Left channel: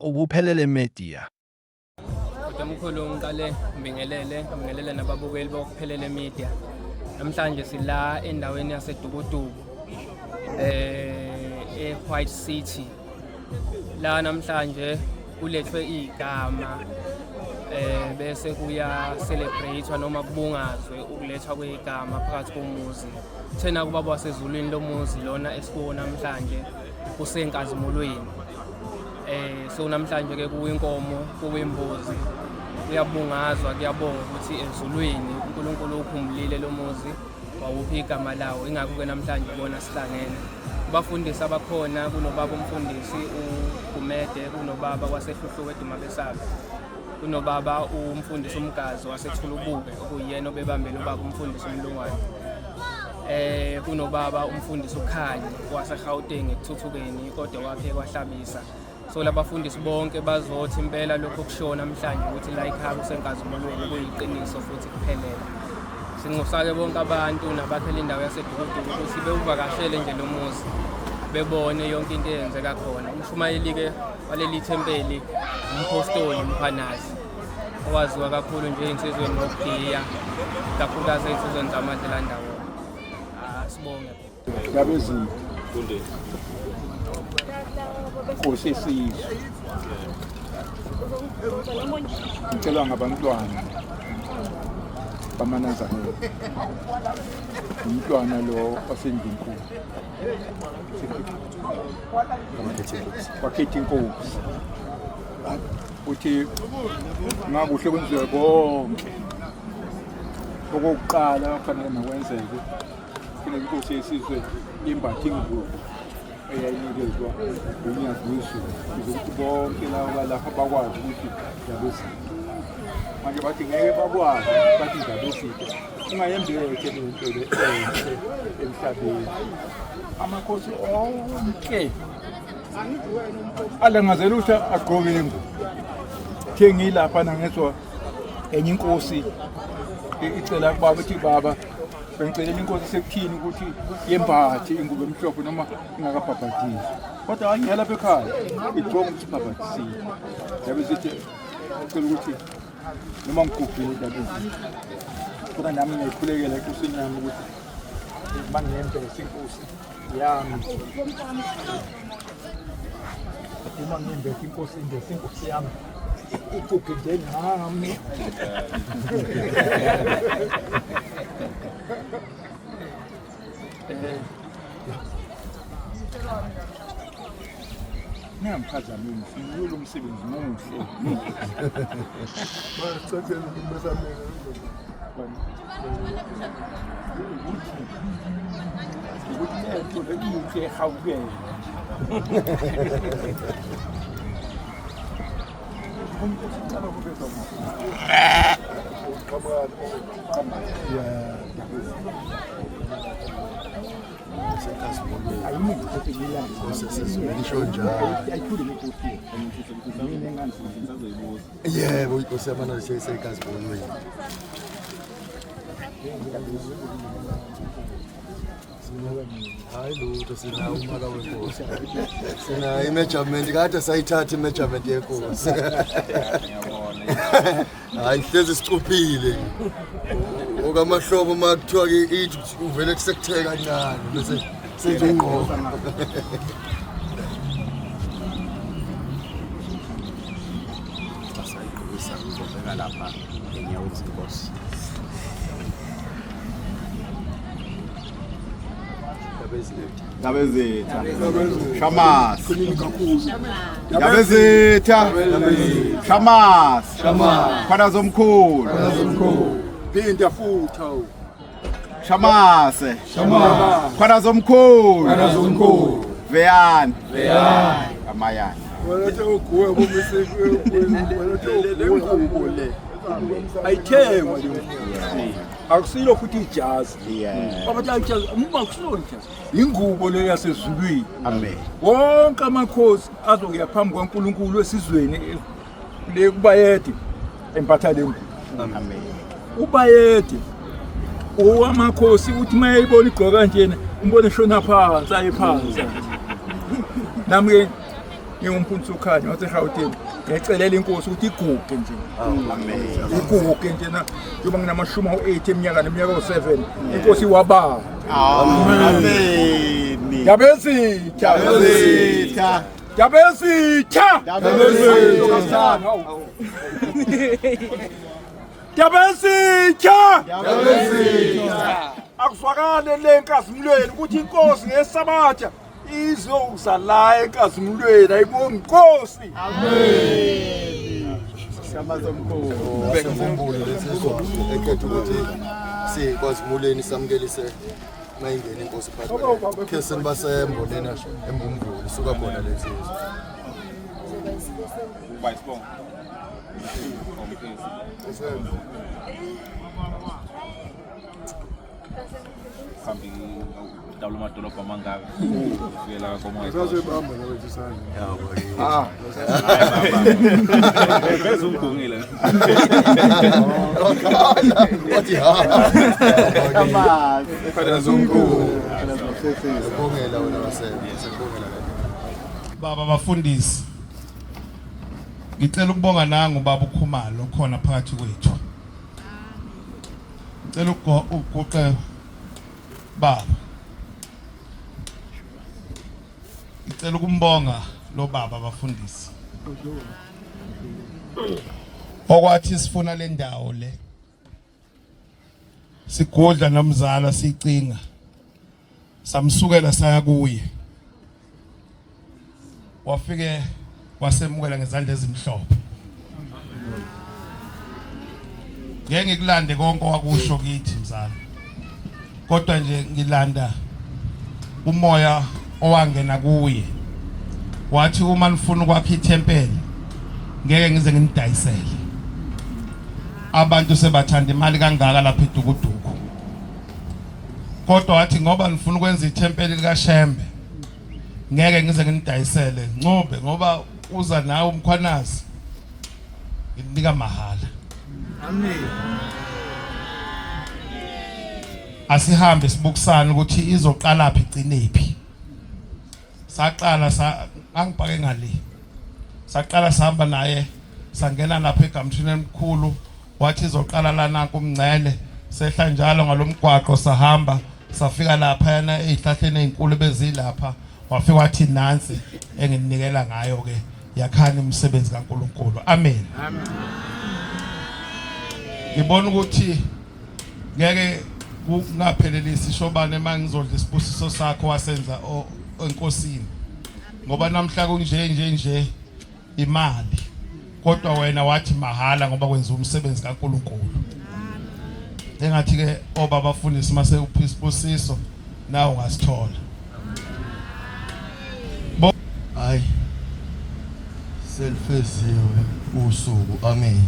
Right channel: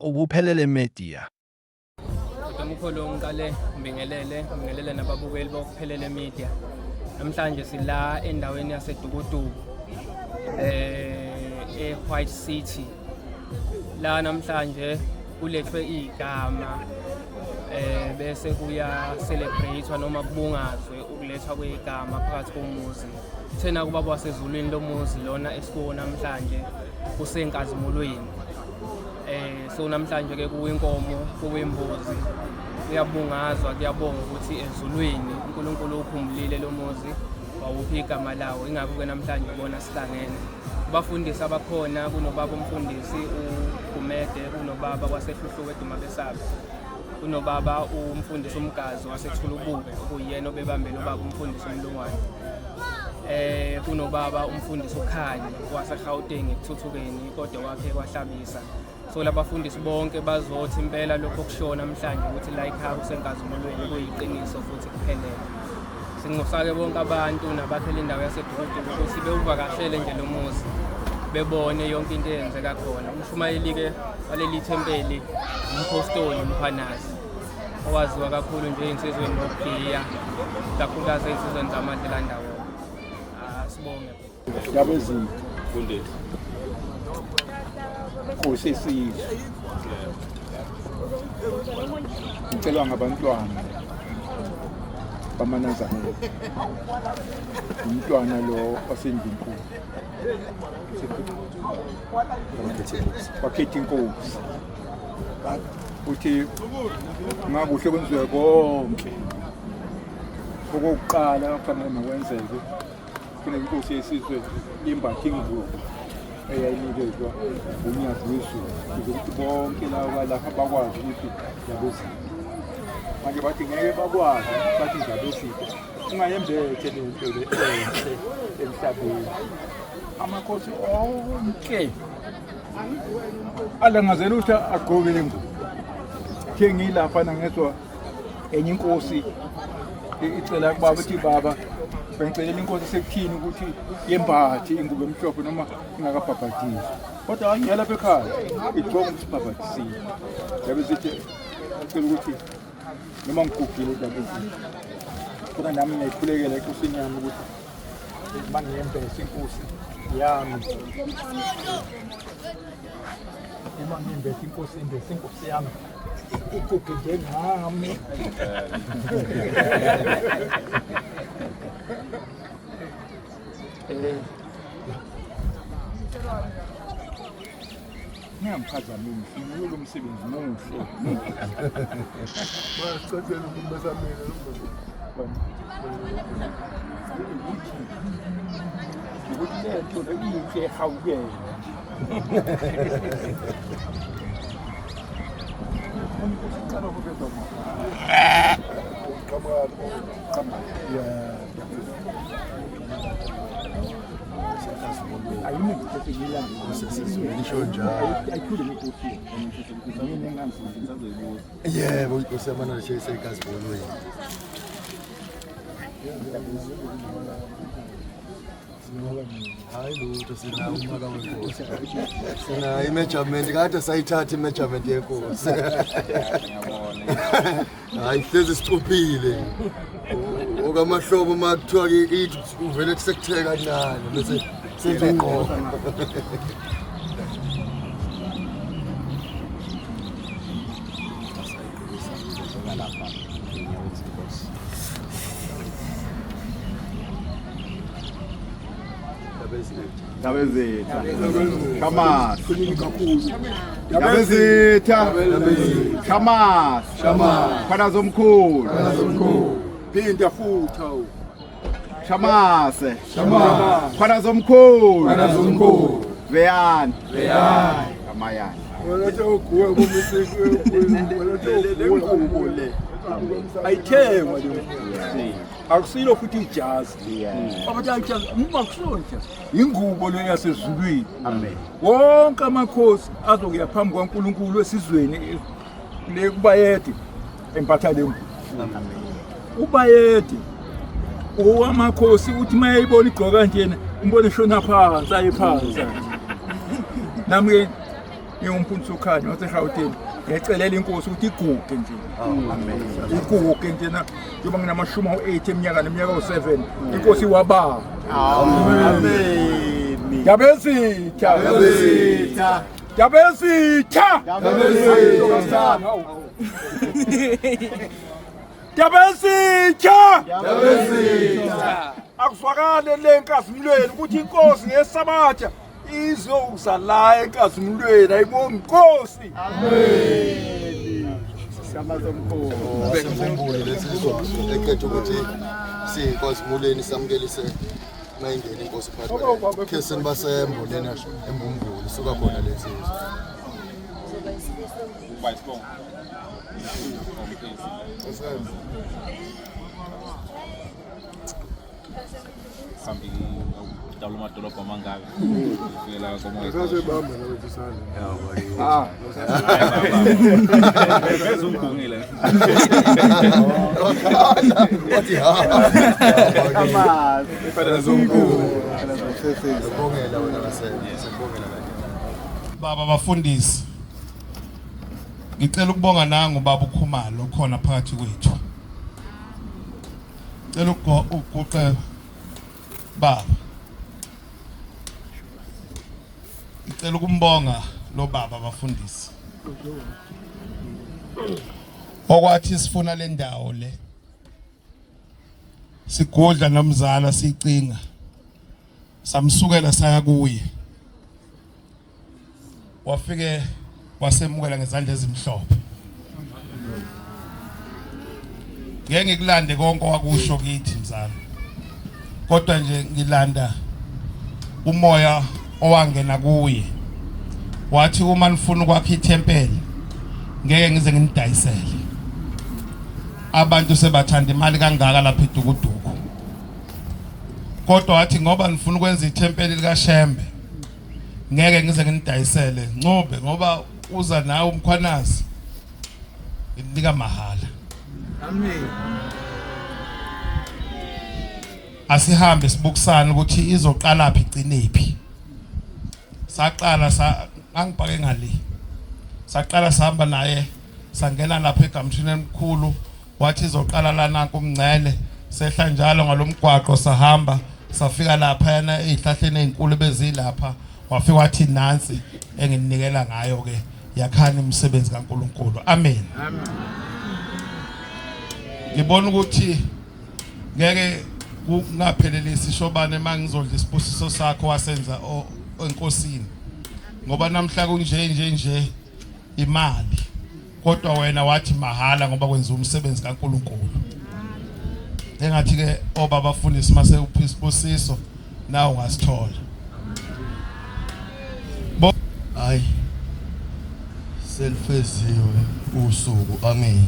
Ubuphelele Media. Umkhulu ngiqale ngibingelele nababukeli bokuphelele media. Namhlanje sila endaweni yaseDukuduku eWhite City. La namhlanje kulethwe igama bese kuya celebratewa noma kubungazwe ukulethwa kwegama phakathi komuzi. Thena kubaba wasezulwini lomuzi lona esikuwo namhlanje kusenkazimulweni. So namhlanje ke kuwinkomo kuwimbuzi kuyabungazwa kuyabonga ukuthi ezulwini uNkulunkulu uphumulile lomuzi wawuphi igama lawo. Ingakho ke namhlanje ubona sihlangene abafundisi abakhona kunobaba umfundisi uGumede, kunobaba wasehluhluwe eDumabesabe, kunobaba umfundisi umgazi wasethulubuke okuyena obebambela ubaba umfundisi uMlungwane, kunobaba umfundisi uKhanyi waseGauteng ekuthuthukeni kodwa wakhe kwahlabisa. So labafundisi bonke bazothi impela lokho kushona namhlanje ukuthi la ekhaya kusenkazimulweni kuyiqiniso futhi kuphelele. Sinxusake bonke abantu nabaphela indawo yaseDukuduku ukuthi bewuvakashele nje lo muzi bebone yonke into eyenzeka khona. Umshumayeli ke waleli thempeli umpostoli Mkhwanazi owaziwa kakhulu nje insizweni ngokugiya kakhulukazi insizweni zamadlela ndawo. Sibonge Yabezini kunde Nkosi yesizwe ngicela ngabantwana bamanazamela umntwana lo wasendinkulu wakhetha inkosi uthi ngakuhle kwenziwe konke okokuqala kufanele makwenzeke kufanele inkosi yesizwe imbathe ingubo eyayinikezwa uNyazi wezulu ukuthi bonke laba lapha bakwazi ukuthi yabezini. Manje bathi ngeke bakwazi bathi yabezini ungayembethe lento le enhle emhlabeni. Amakhosi onke alangazela ukuthi agqoke ingubo. Thengi lapha ngezwe enye inkosi icela kubaba ukuthi baba bengicelela inkosi sekuthini ukuthi yembathe ingubo emhlophe noma ingakabhabhathisi. Kodwa angiyela lapha ekhaya igqoka umsibhabhathisile. Yabe sithi ngicela ukuthi noma ngigugile ndabezini. Kodwa nami ngiyayikhulekela enkosini yami ukuthi mangiyembese inkosi yami. Uma ngiyembese inkosi imbese inkosi yami iguge ngami. Ngiyamphazamisa ngiyolo umsebenzi muhle. Basicela ukumbezamela ukuthi lento lekuthi ehawukela. Ucala kubezwa yebo inkosi yamana iseyikazibonweni. Hayi lutho sinawo umaka wenkosi. Sinayo imeasurement kade sayithatha imeasurement yenkosi. Hayi hlezi sicuphile. Okamahlobo makuthiwa ke ithi uvele kusekutheka kancane bese sezongqoka. Yabezitha Shamas Yabezitha Shamas Khona zomkhulu Phinda futha Shamas Khona zomkhulu Veyani Amayani walethe uguwe kumisiko lengubo le ayithengwa le akusilo futhi ijazi abathi ayijazi akusuntsha ingubo le yasezulwini. Amen. Wonke amakhosi azokuya phambi kwaNkulunkulu esizweni le kubayede empatha le ngubo. Amen. Ubayede owamakhosi uthi mayibona igqoka njena umbone shona phansi ayiphansi. Nami ngingumphunzi ukhanya waseGauteng ngicelela inkosi ukuthi iguge nje iguge nje na njengoba nginamashumi awu-8 eminyaka u-7 inkosi wababa Yabezitha akuzwakale le nkazimulweni ukuthi inkosi ngesabatha izokuza la enkazimulweni ayibonga inkosi Siyamazemkhulu lesizwa ekhetha ukuthi sikwazimulweni samkelise mayingena inkosi phakathi ke senibasembo lena embumvulu suka khona lesizwe sambil dalam madolobha mangaka kuyela komoya Ngazibamba nawe isandla bezungungile wathi bezungungile ngibongela wena wasembo sibongela la Baba bafundisi, ngicela ukubonga nangu baba uKhumalo khona phakathi kwethu. Ngicela ukuguqa baba. Ngicela ukumbonga lo baba bafundisi. Okwathi sifuna le ndawo le. Sigodla nomzala sicinga. Samsukela saya kuye. Wafike wasemukela ngezandla ezimhlophe. Ngeke ngikulande konke wakusho kithi mzala. Kodwa nje ngilanda umoya owangena kuye. Wathi uma nifuna ukwakha ithempeli ngeke ngize nginidayisele. Abantu sebathanda imali kangaka lapha eDukuduku. Kodwa wathi ngoba nifuna ukwenza ithempeli likaShembe ngeke ngize nginidayisele Ncube ngoba uza nawe umkhwanazi nginika mahala. Amen. Asihambe sibukisana ukuthi izoqala phi igcinephi. Saqala angibhake ngale. Saqala sihamba naye sangena lapha egamthini emkhulu wathi izoqala lana kumngcele sehla njalo ngalomgwaqo sahamba safika lapha yana ezihlahleni ezinkulu bezilapha wafika wathi nansi engininikela ngayo ke yakhani umsebenzi kaNkuluNkulu. Amen. Amen. Ngibona ukuthi ngeke kungaphelelisi shobane mangizodla isibusiso sakho wasenza enkosini. Ngoba namhla kunje imali. Kodwa wena wathi mahala ngoba kwenza umsebenzi kaNkuluNkulu. Engathi ke obaba bafundisi mase uphi isibusiso nawo wasithola. hayi selfeziwe usuku amen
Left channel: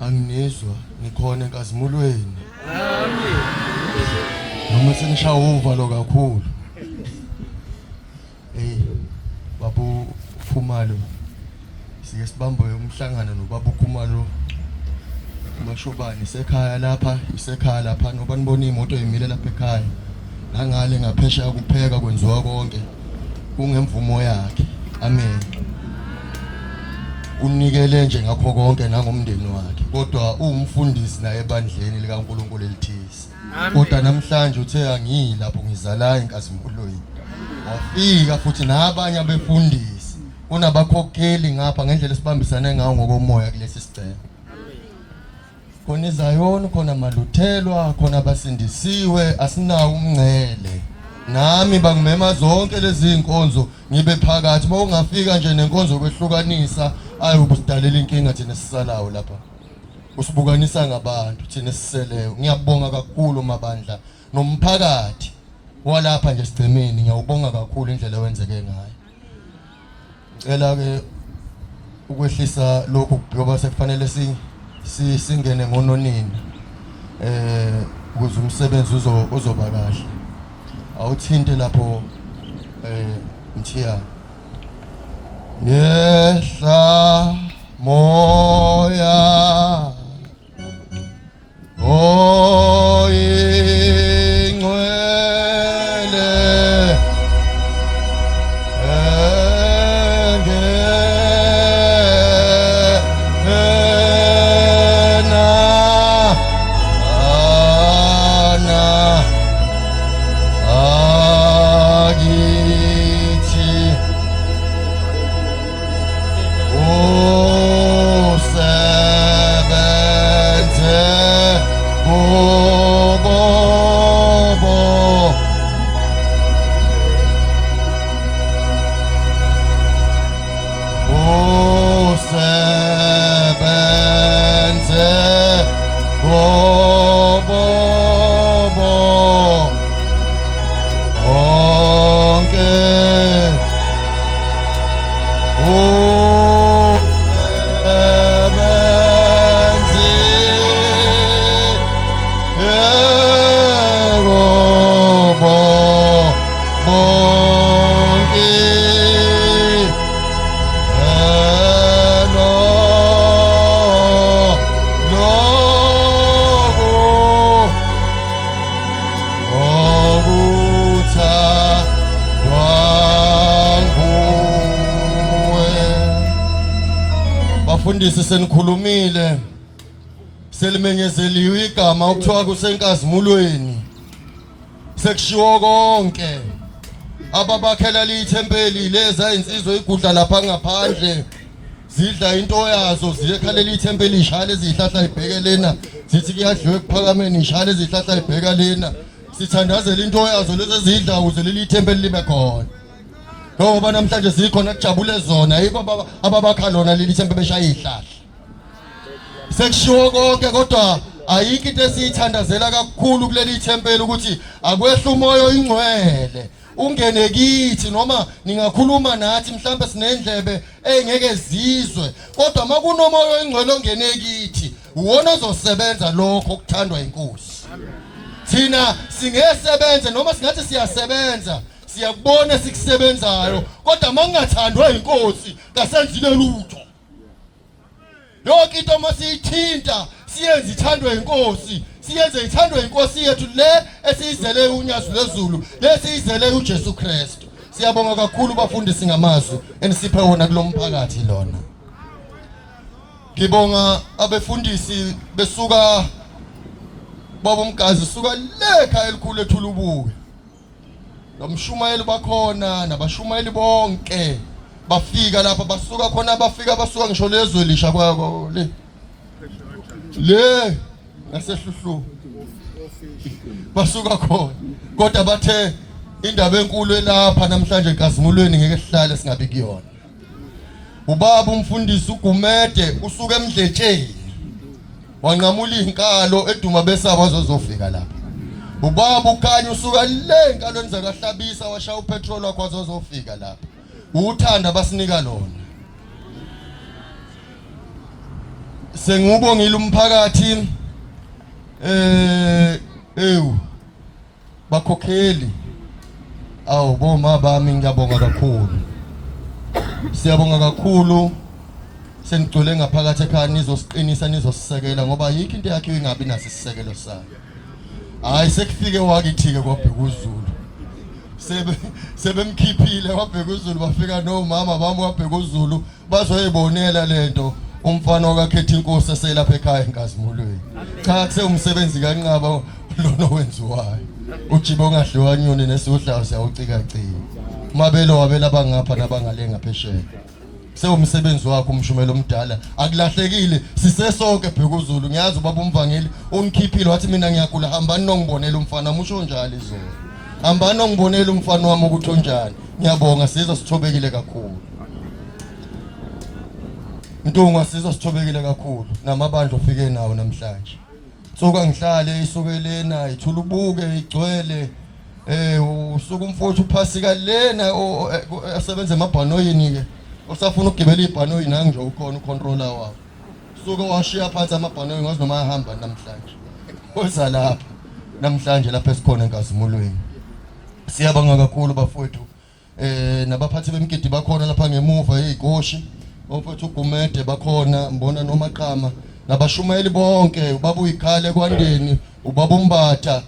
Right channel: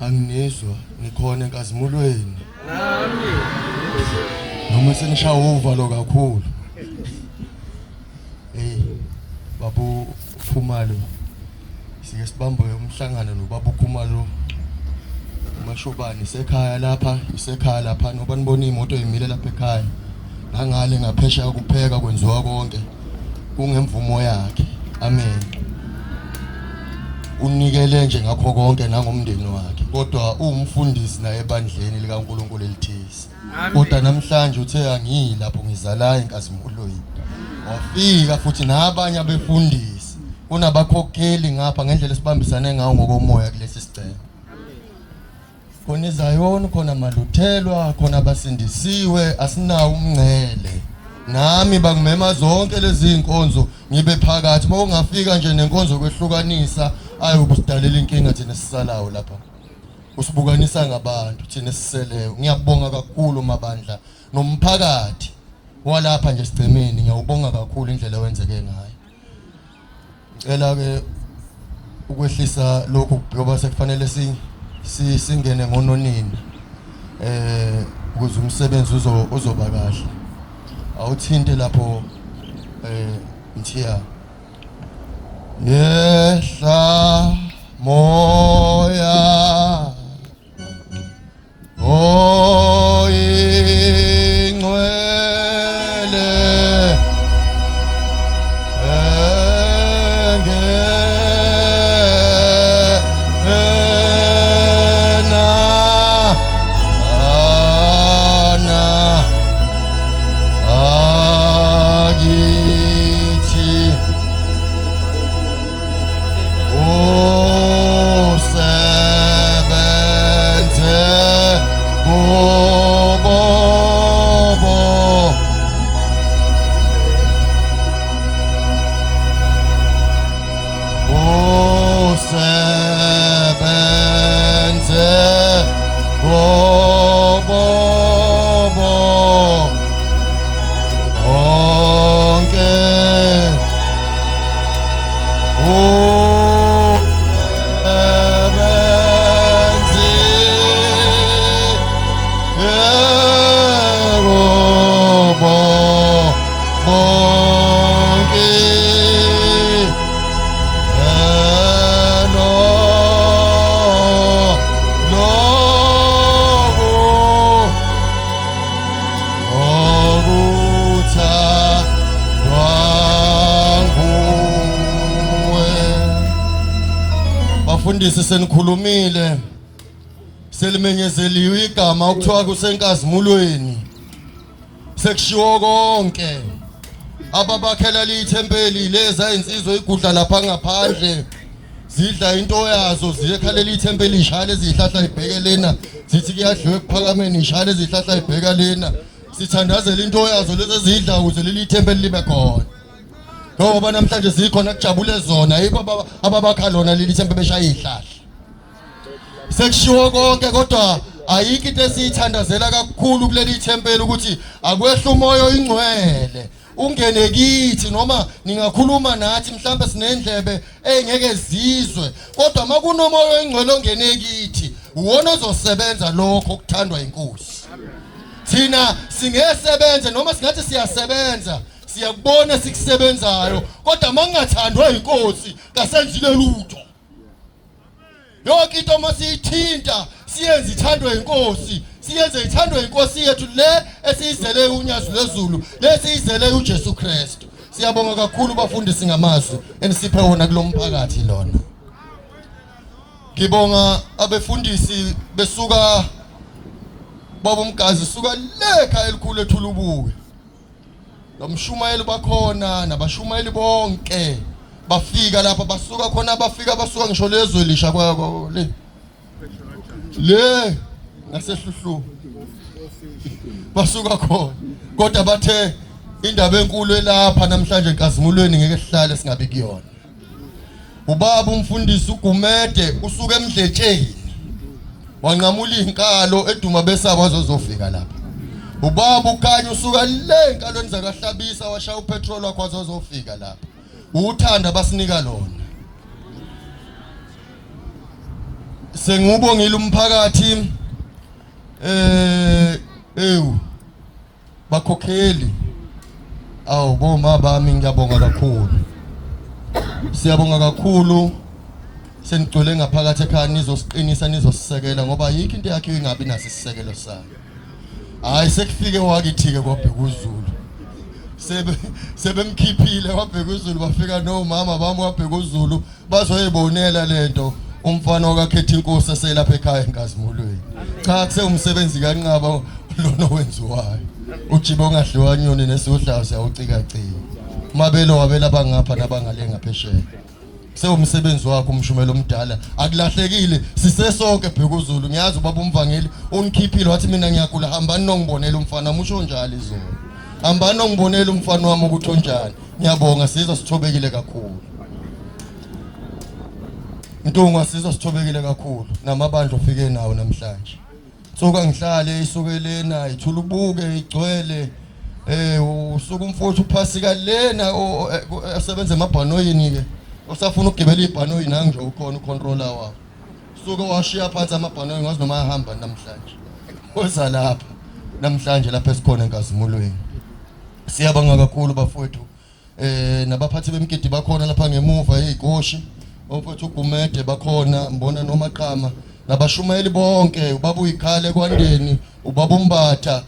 angizwa ngikhona enkazimulweni amen noma senishaya uvalo kakhulu babu Khumalo sike sibambe umhlangano noBaba Khumalo mashobani isekhaya lapha ngoba nibona imoto imile lapha ekhaya ngangale ngaphesha ukupheka kwenziwa konke kungemvumo yakhe amen unikele nje ngakho konke nangomndeni wakhe kodwa umfundisi naye ebandleni likaNkuluNkulu elithisi kodwa namhlanje uthe angiyilapho ngizala enkazimulweni wafika futhi nabanye abefundisi kunabakhokheli ngapha ngendlela esibambisane ngawo ngokomoya kulesi sicelo khona iZayoni khona maluthelwa khona abasindisiwe asinawo umngcele nami bangimema zonke lezi inkonzo ngibe phakathi uma ungafika nje nenkonzo kwehlukanisa ayobusidalela inkinga thina sisalayo lapha usibukanisa ngabantu thina siseleyo ngiyabonga kakhulu mabandla nomphakathi walapha nje sigcemeni ngiyabonga kakhulu indlela wenzeke ngayo ngicela ke ukwehlisa lokho ngoba sekufanele singene ngononini ukuze umsebenzi uzoba kahle awuthinte lapho Mthiya yehla moya oyingcwele bafundisi senikhulumile selimenyezeliwe igama ukuthiwa kusenkazimulweni sekushiwo konke ababakhela lithempeli leza insizwe igudla lapha ngaphandle zidla into yazo ziyekhalela ithempeli ishale izihlahla ibheke lena sithi kuyadliwe kuphakameni ishale izihlahla ibheka lena sithandazela into yazo lezi zidla ukuze leli ithempeli libe khona ngoba namhlanje sikhona kujabule zona yikho ababakha lona leli ithempeli beshaya izihlahla sekushiwo konke kodwa ayikho into esiyithandazela kakhulu kuleli ithempeli ukuthi akwehla umoya oyingcwele ungene kithi noma ningakhuluma nathi mhlawumbe sinendlebe engeke zizwe kodwa makunomoya oyingcwele ongene kithi uwona ozosebenza lokho okuthandwa inkosi thina singesebenze noma singathi siyasebenza siyakubona sikusebenzayo kodwa mangingathandwa inkosi kasenzile lutho yonke into masiyithinta siyenze ithandwe inkosi siyenze ithandwe inkosi yethu le esiyizele unyazo lwezulu lesiyizele uJesu Kristu siyabonga kakhulu bafundisi ngamazwi enisiphe wona kulomphakathi lona ngibonga abefundisi besuka babomgazi suka lekha elikhulu ethulubuke bamshumayeli bakhona nabashumayeli bonke bafika lapha basuka khona basuka ngisho lezwe lisha kwabo le ngasehluhlu basuka khona kodwa bathe indaba enkulu elapha namhlanje enkazimulweni ngeke sihlale singabi kuyona ubaba umfundisi uGumede usuka eMdletsheni wanqamula inkalo eduma besaba azozofika lapha ubaba ukhanya usuka le enkalweni zakaHlabisa washaya upetrol wakho azozofika lapha uthanda basinika lona sengubongile umphakathi bakhokheli boma bami ngiyabonga kakhulu siyabonga kakhulu senigcwele ngaphakathi ekhaya nizosiqinisa nizosisekela ngoba yikho into yakhe ingabi naso isisekelo sayo hayi sekufike wakithi-ke kwaBhekuzulu sebemkhiphile kwaBhekuzulu bafika nomama bami kwaBhekuzulu bazoyibonela lento umfana wakakhetha inkosi eselapha ekhaya enkazimulweni cha kusengumsebenzi kanqaba lona owenziwayo ujibe ongadliwa nyoni nesudlayo siyawucika-cika mabelo wabela bangapha nabangale ngaphesheya sewumsebenzi wakho umshumelo omdala akulahlekile sisesonke Bhekuzulu ngiyazi ubaba umvangeli ungikhiphile wathi mina ngiyagula hambani nongibonela umfana musho njalo izolo hambani nongibonela umfana wami ukuthi unjani ngiyabonga sizwe sithobekile kakhulu Ntunga sizwe sithobekile kakhulu namabandla ofike nawo namhlanje suka ngihlale isukelena ithulubuke igcwele usuku umfowethu uphasika lena asebenza emabhanoyini ke usafuna ukugibela ibhanoyi nangu nje ukhona ucontroller wayo suka washiya phansi amabhanoyi ngazi noma ahamba namhlanje oza lapha namhlanje lapha esikhona enkazimulweni siyabonga kakhulu bafowethu nabaphathi bemgidi bakhona lapha ngemuva ezigoshi umfowethu uGumede bakhona mbona nomaqama nabashumayeli bonke ubaba uyikhale kwandeni ubaba umbatha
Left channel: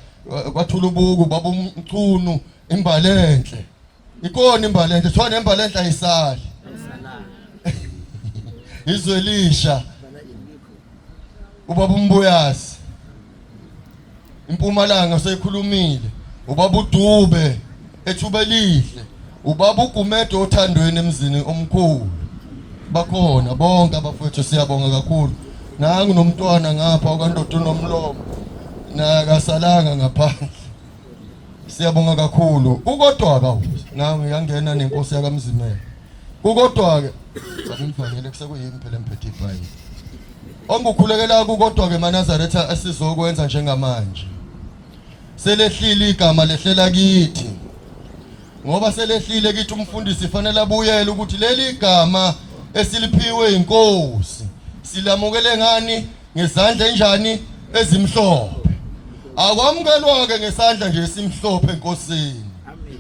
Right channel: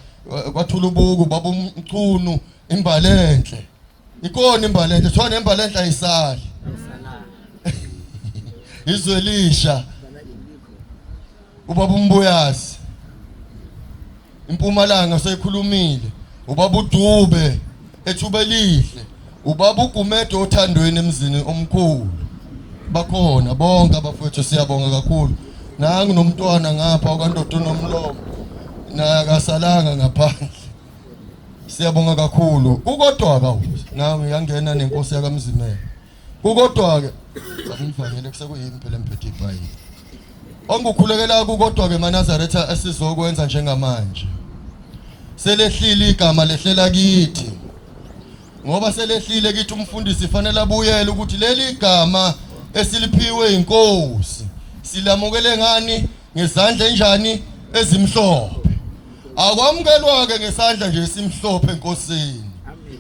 kwathulubuku ubaba umchunu imbalenhle ikona imbalenhle thona imbalenhle ayisali izwelisha ubaba umbuyazi impumalanga sekhulumile ubaba uDube ethuba lihle ubaba uGumede othandweni emzini omkhulu bakhona bonke abafowethu siyabonga kakhulu nangu nomntwana ngapha ukandoda unomlomo nakasalanga ngaphandle siyabonga kakhulu ukodwa ka nangu yangena nenkosi yakamzimela ukodwa ke akufakele kusekuyimi phela emphethe iBhayibheli ongukhulekela kodwa ke maNazaretha asizokwenza njengamanje selehlile igama lehlela kithi ngoba selehlile kithi umfundisi fanele abuyele ukuthi leli igama esiliphiwe inkosi silamukele ngani ngezandla enjani ezimhlophe akwamukelwa ke ngesandla nje esimhlophe enkosini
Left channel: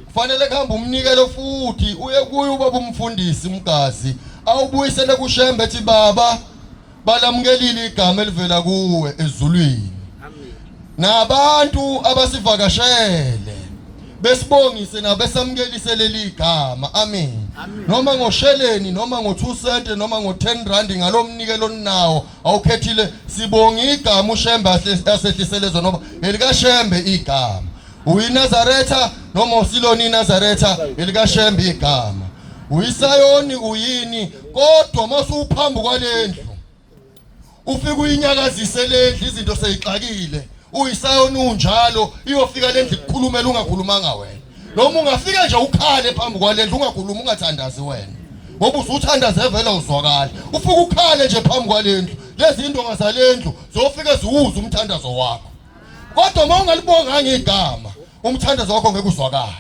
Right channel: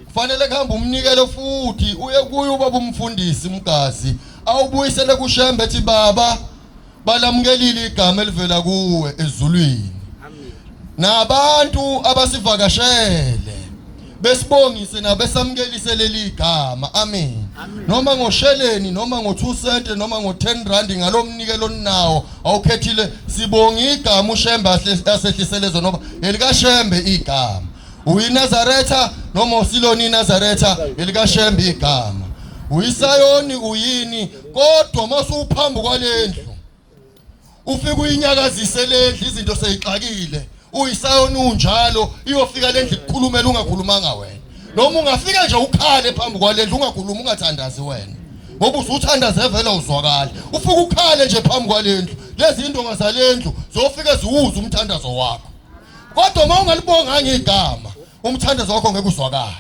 kufanele kuhamba umnikelo futhi uye kuye ubaba umfundisi umgazi awubuyisele kuShembe ethi baba balamukelile igama elivela kuwe ezulwini nabantu abasivakashele besibongise nabesamukelise leli igama amen noma ngosheleni noma ngo2 cent noma ngo10 rand ngalomnikelo nawo awukhethile sibonga igama uShembe asehliselezo noma elika Shembe igama uyiNazaretha noma uSiloni Nazaretha elika Shembe igama uyiSayoni uyini kodwa masuphambi kwalendlu ufika uyinyakazise lendlu izinto seyixakile uyiSayoni unjalo iyofika lendlu ukukhulumela ungakhulumanga wena noma ungafika nje ukhale phambi kwalendlu ungakhuluma ungathandazi wena ngoba usuthandaze vele uzwakala ufika ukhale nje phambi kwalendlu lezi indonga zalendlu zofika ziwuza umthandazo wakho kodwa mawungalibonga ngegama umthandazo wakho ngeke uzwakale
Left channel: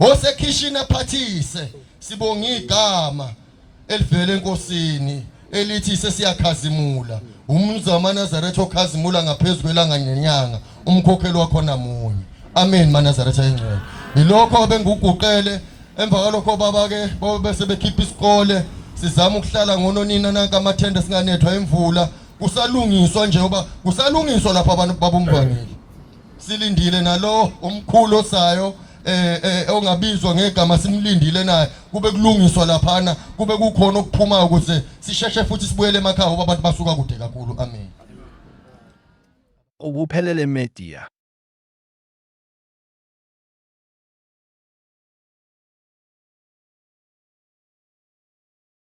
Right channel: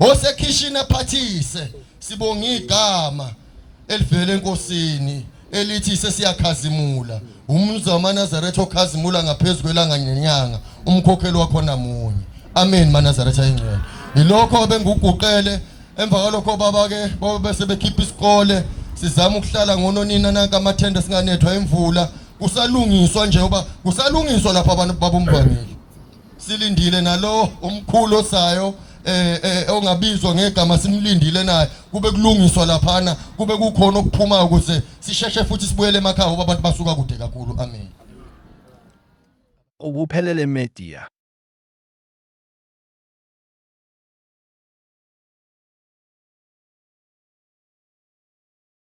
osekhishini ephathise sibonga igama elivela enkosini elithi sesiyakhazimula umnuzu wamaNazaretha okhazimula ngaphezulu kwelanga nenyanga umkhokheli wakho namunye amen maNazaretha engcwele ilokho benguguqele emva kwalokho baba ke bese bekhipha isikole sizama ukuhlala ngononina nanka amathenda singanethwa imvula kusalungiswa nje ngoba kusalungiswa lapha abantu babomvangeli silindile nalo umkhulu osayo ongabizwa ngegama simlindile naye kube kulungiswa laphana kube kukhona okuphuma ukuze sisheshe futhi sibuyele emakhaya ngoba abantu basuka kude kakhulu amen Ubuphelele Media.